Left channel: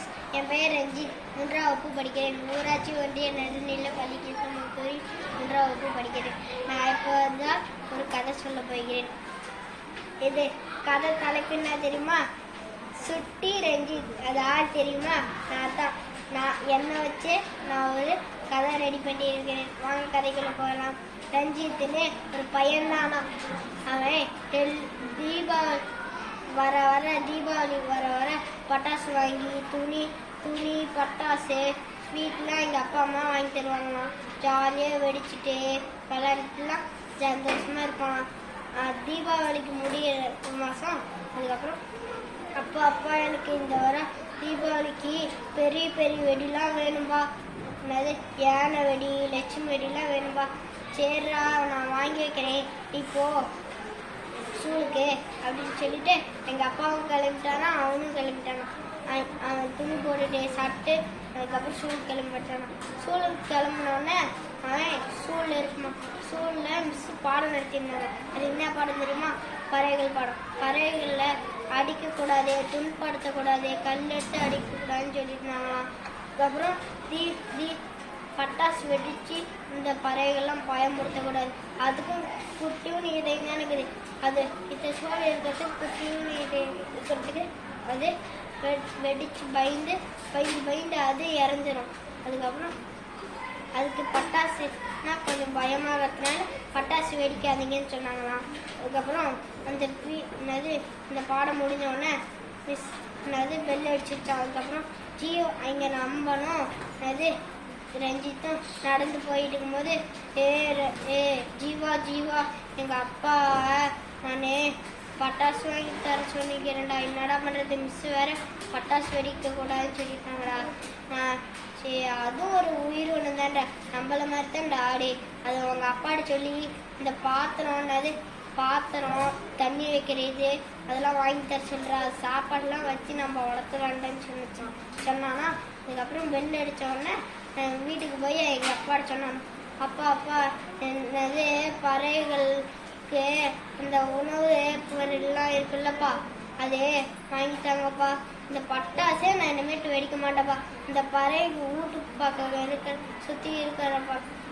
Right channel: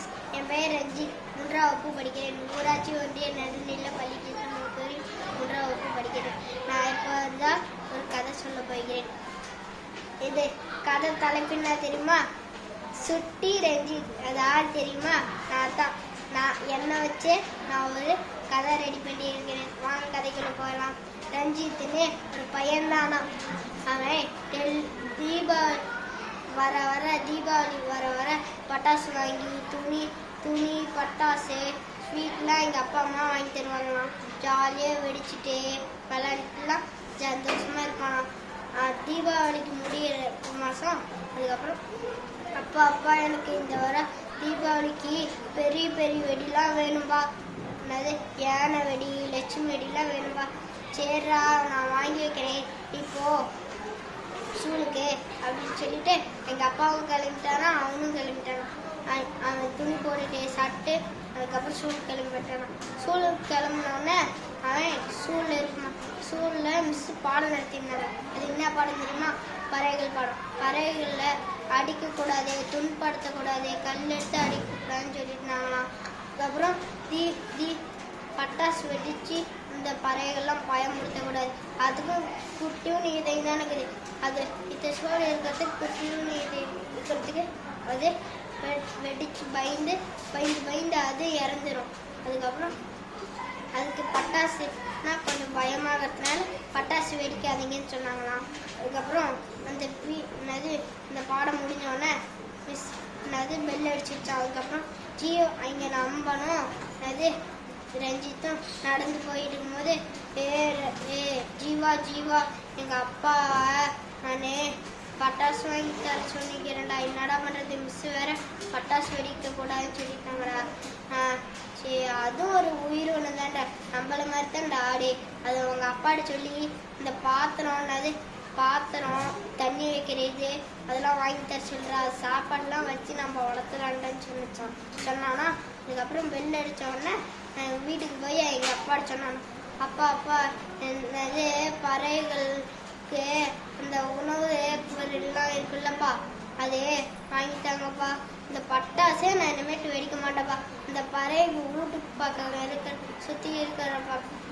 Friends என் பெயர் ரஞ்சித் மூன்றாம் வகுப்பு படிக்கிறேன். ஊராட்சி ஒன்றிய நடுநிலை பள்ளிக்கு முத்தூரி மூன்றாம் வகுப்பு படிக்கிறேன். நான் இப்போ தான் ஒரு கதை சொல்ல போகிறேன். இது கதை தலைப்பு என்ன தெரியுமா? சுட்டி ரஞ்சித் அது ஆள் தெரியுமா? நான் தான் நான் என்னை வச்சு நான் ஒரு கதை ரெடி பண்ணியிருக்கிறேன். வாங்க கதைக்குள்ள போகலாம். ரஞ்சித்துன்னு ஒரு பையன் தானா அவன் தீபா தீபாவளி வர வர தீபாவளி வர வர பட்டாசு வாங்கி துணி துணி பட்டாசு ஸ்வீட்லாம் எங்கள் அப்பா அம்மா வாங்கி தருவாங்களாம் ஜாலியாக வெடிச்சுட்டு விளாண்டுலாம் சந்தோஷமாக இருப்பான். தீபாவளிக்கு முடிய மாதம் அதுக்கப்புறம் அப்பா அப்பா எனக்கு இந்த வர தீபாவளிக்கு பெரிய பெரிய வெடிலாம் வேணும்பா. என்னது யானை வெடி லட்சுமி வெடிலாம் வேணும்பா. சரிடா நான் வாங்கி வைக்கிறேன். இப்போ இருக்கு அப்படின்னு சொல்லிட்டு எங்கள் அப்பாவும் கிளம்பிட்டானா அவனும் கிளம்பிட்டானா அவன் அவன் துணி போட்டுட்டு சாப்பிட்டு அதுக்கப்புறம் ஸ்கூலுக்கு கிளம்பிட்டானா ஸ்கூலுக்கு கிளம்பினோடனே அவன் ஸ்கூலில் இருப்பான் ஸ்கூலில் மிஸ் பாடம் நடத்தியிருந்தாங்க. அது என்ன பாடம் தெரியுமா? பறவைகள் பாடம். பறவைகளில் அடிக்கக்கூடாது துன்படுத்தக்கூடாது கல் எடுத்து அடிக்கக்கூடாதுன்னு சொல்லியிருந்தாங்களாம். அதுக்கப்புறம் தீ தீ பட்டாசு வெடிச்சு இந்த பறவைகள்லாம் பயமுறுத்தக்கூடாது. அதுக்கும் குட்டியும் நீதை தான் இருக்குது. அது இந்த சோழ இருக்கிறதுக்கு குட்டியும் நீதை இருக்கிறதுக்கு அது வெ- வெடிச்சு பயந்து பயந்து பயந்து அது இறந்துரும். அதுக்கப்புறம் அதுக்கு பட்டாசுனா கொஞ்சம் பயமாகிறதுனால பட்டாசு வெடிக்காதீங்கன்னு சொன்னாங்களாம். அதுக்கப்புறம் அந்த என்னது இந்த பாடம் முடிஞ்சோடனே மிஸ் என்னது பெல் அடிச்சிருச்சு. அதுக்கப்புறம் ஜியோ இங்கே நம்பணும். என்னது ரஞ்சித்தும் நடந்து போயிட்டு இருக்கும்போது ஏ ஏ ஜீவா ஜீவா எங்கள் அப்பா நான் பட்டாசு வாங்கி தர சொல்லிக்கிறேன்டா. என்னடா பண்ணுறது மிஸ் வேற பட்டாசு வெடிக்க கூடாதுன்னு சொல்லிட்டாங்கடா. நான் சரி அதுவும் ஒரு உயிர் ஒன்று தான்டா. நம்மள மாதிரி தான்டா ஆடு. அது உங்க அப்பாட்ட சொல்லி இந்த பாத்திரம் என்னது? பாத்திரம் தண்ணி வைக்கிறது அதெல்லாம் வாங்கி தர சொல்றா. சாப்பாடுலாம் வச்சு நம்ம வளர்த்துலான்டான்னு சொன்னிச்சான் சொன்னானா. அதுக்கப்புறம் பெல் அடிச்ச உடனே வீட்டுக்கு போய் எங்கள் அப்பாட்ட சொன்னான் அப்பா அப்பா என்னது பறவைகளுக்கு அந்த உணவு பொருள்லாம் இருக்குல்லப்பா. அது வாங்கிட்டாங்கப்பா. இந்த பட்டாசே நான் இனிமேட்டு வெடிக்க மாட்டேப்பா இந்த பறவை வீட்டுக்கு பார்க்க இருக்கிற சுற்றி இருக்கிற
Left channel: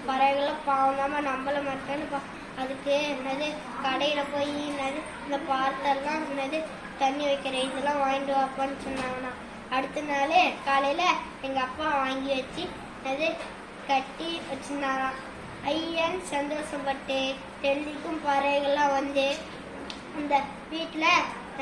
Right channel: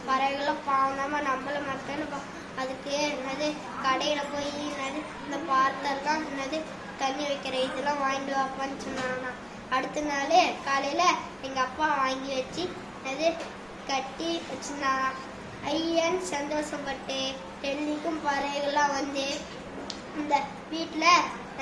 பறவைகள்லாம் பாவந்தாம நம்மள மாட்டேன்னுப்பா அதுக்கு என்னது கடையில் போய் என்னது இந்த பார்த்தெல்லாம் என்னது தண்ணி வைக்கிற இதெல்லாம் வாங்கிட்டு வாப்பான்னு சொன்னாங்கண்ணா. அடுத்த நாள் காலையில் எங்கள் அப்பா வாங்கி வச்சு அது கட்டி வச்சிருந்தாங்க ஐயன் சந்தோஷப்பட்டு டெல்லிக்கும் பறவைகள்லாம் வந்து இந்த வீட்டில்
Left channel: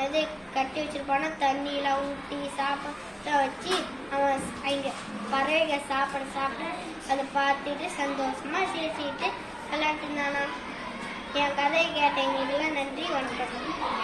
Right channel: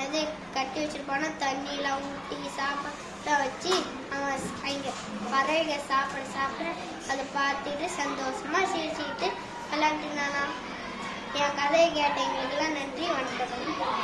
அது கட்டி வச்சிருப்பான தண்ணியெலாம் ஊற்றி சாப்பாடு வச்சு அவன் அங்கே பறவைகள் சாப்பிட சாப்பிட அதை பார்த்துட்டு சந்தோஷமாக சிரிச்சுக்கிட்டு விளையாட்டுனாலாம் என் கதையை கேட்டவங்களுக்கெல்லாம் நன்றி வணக்கம்.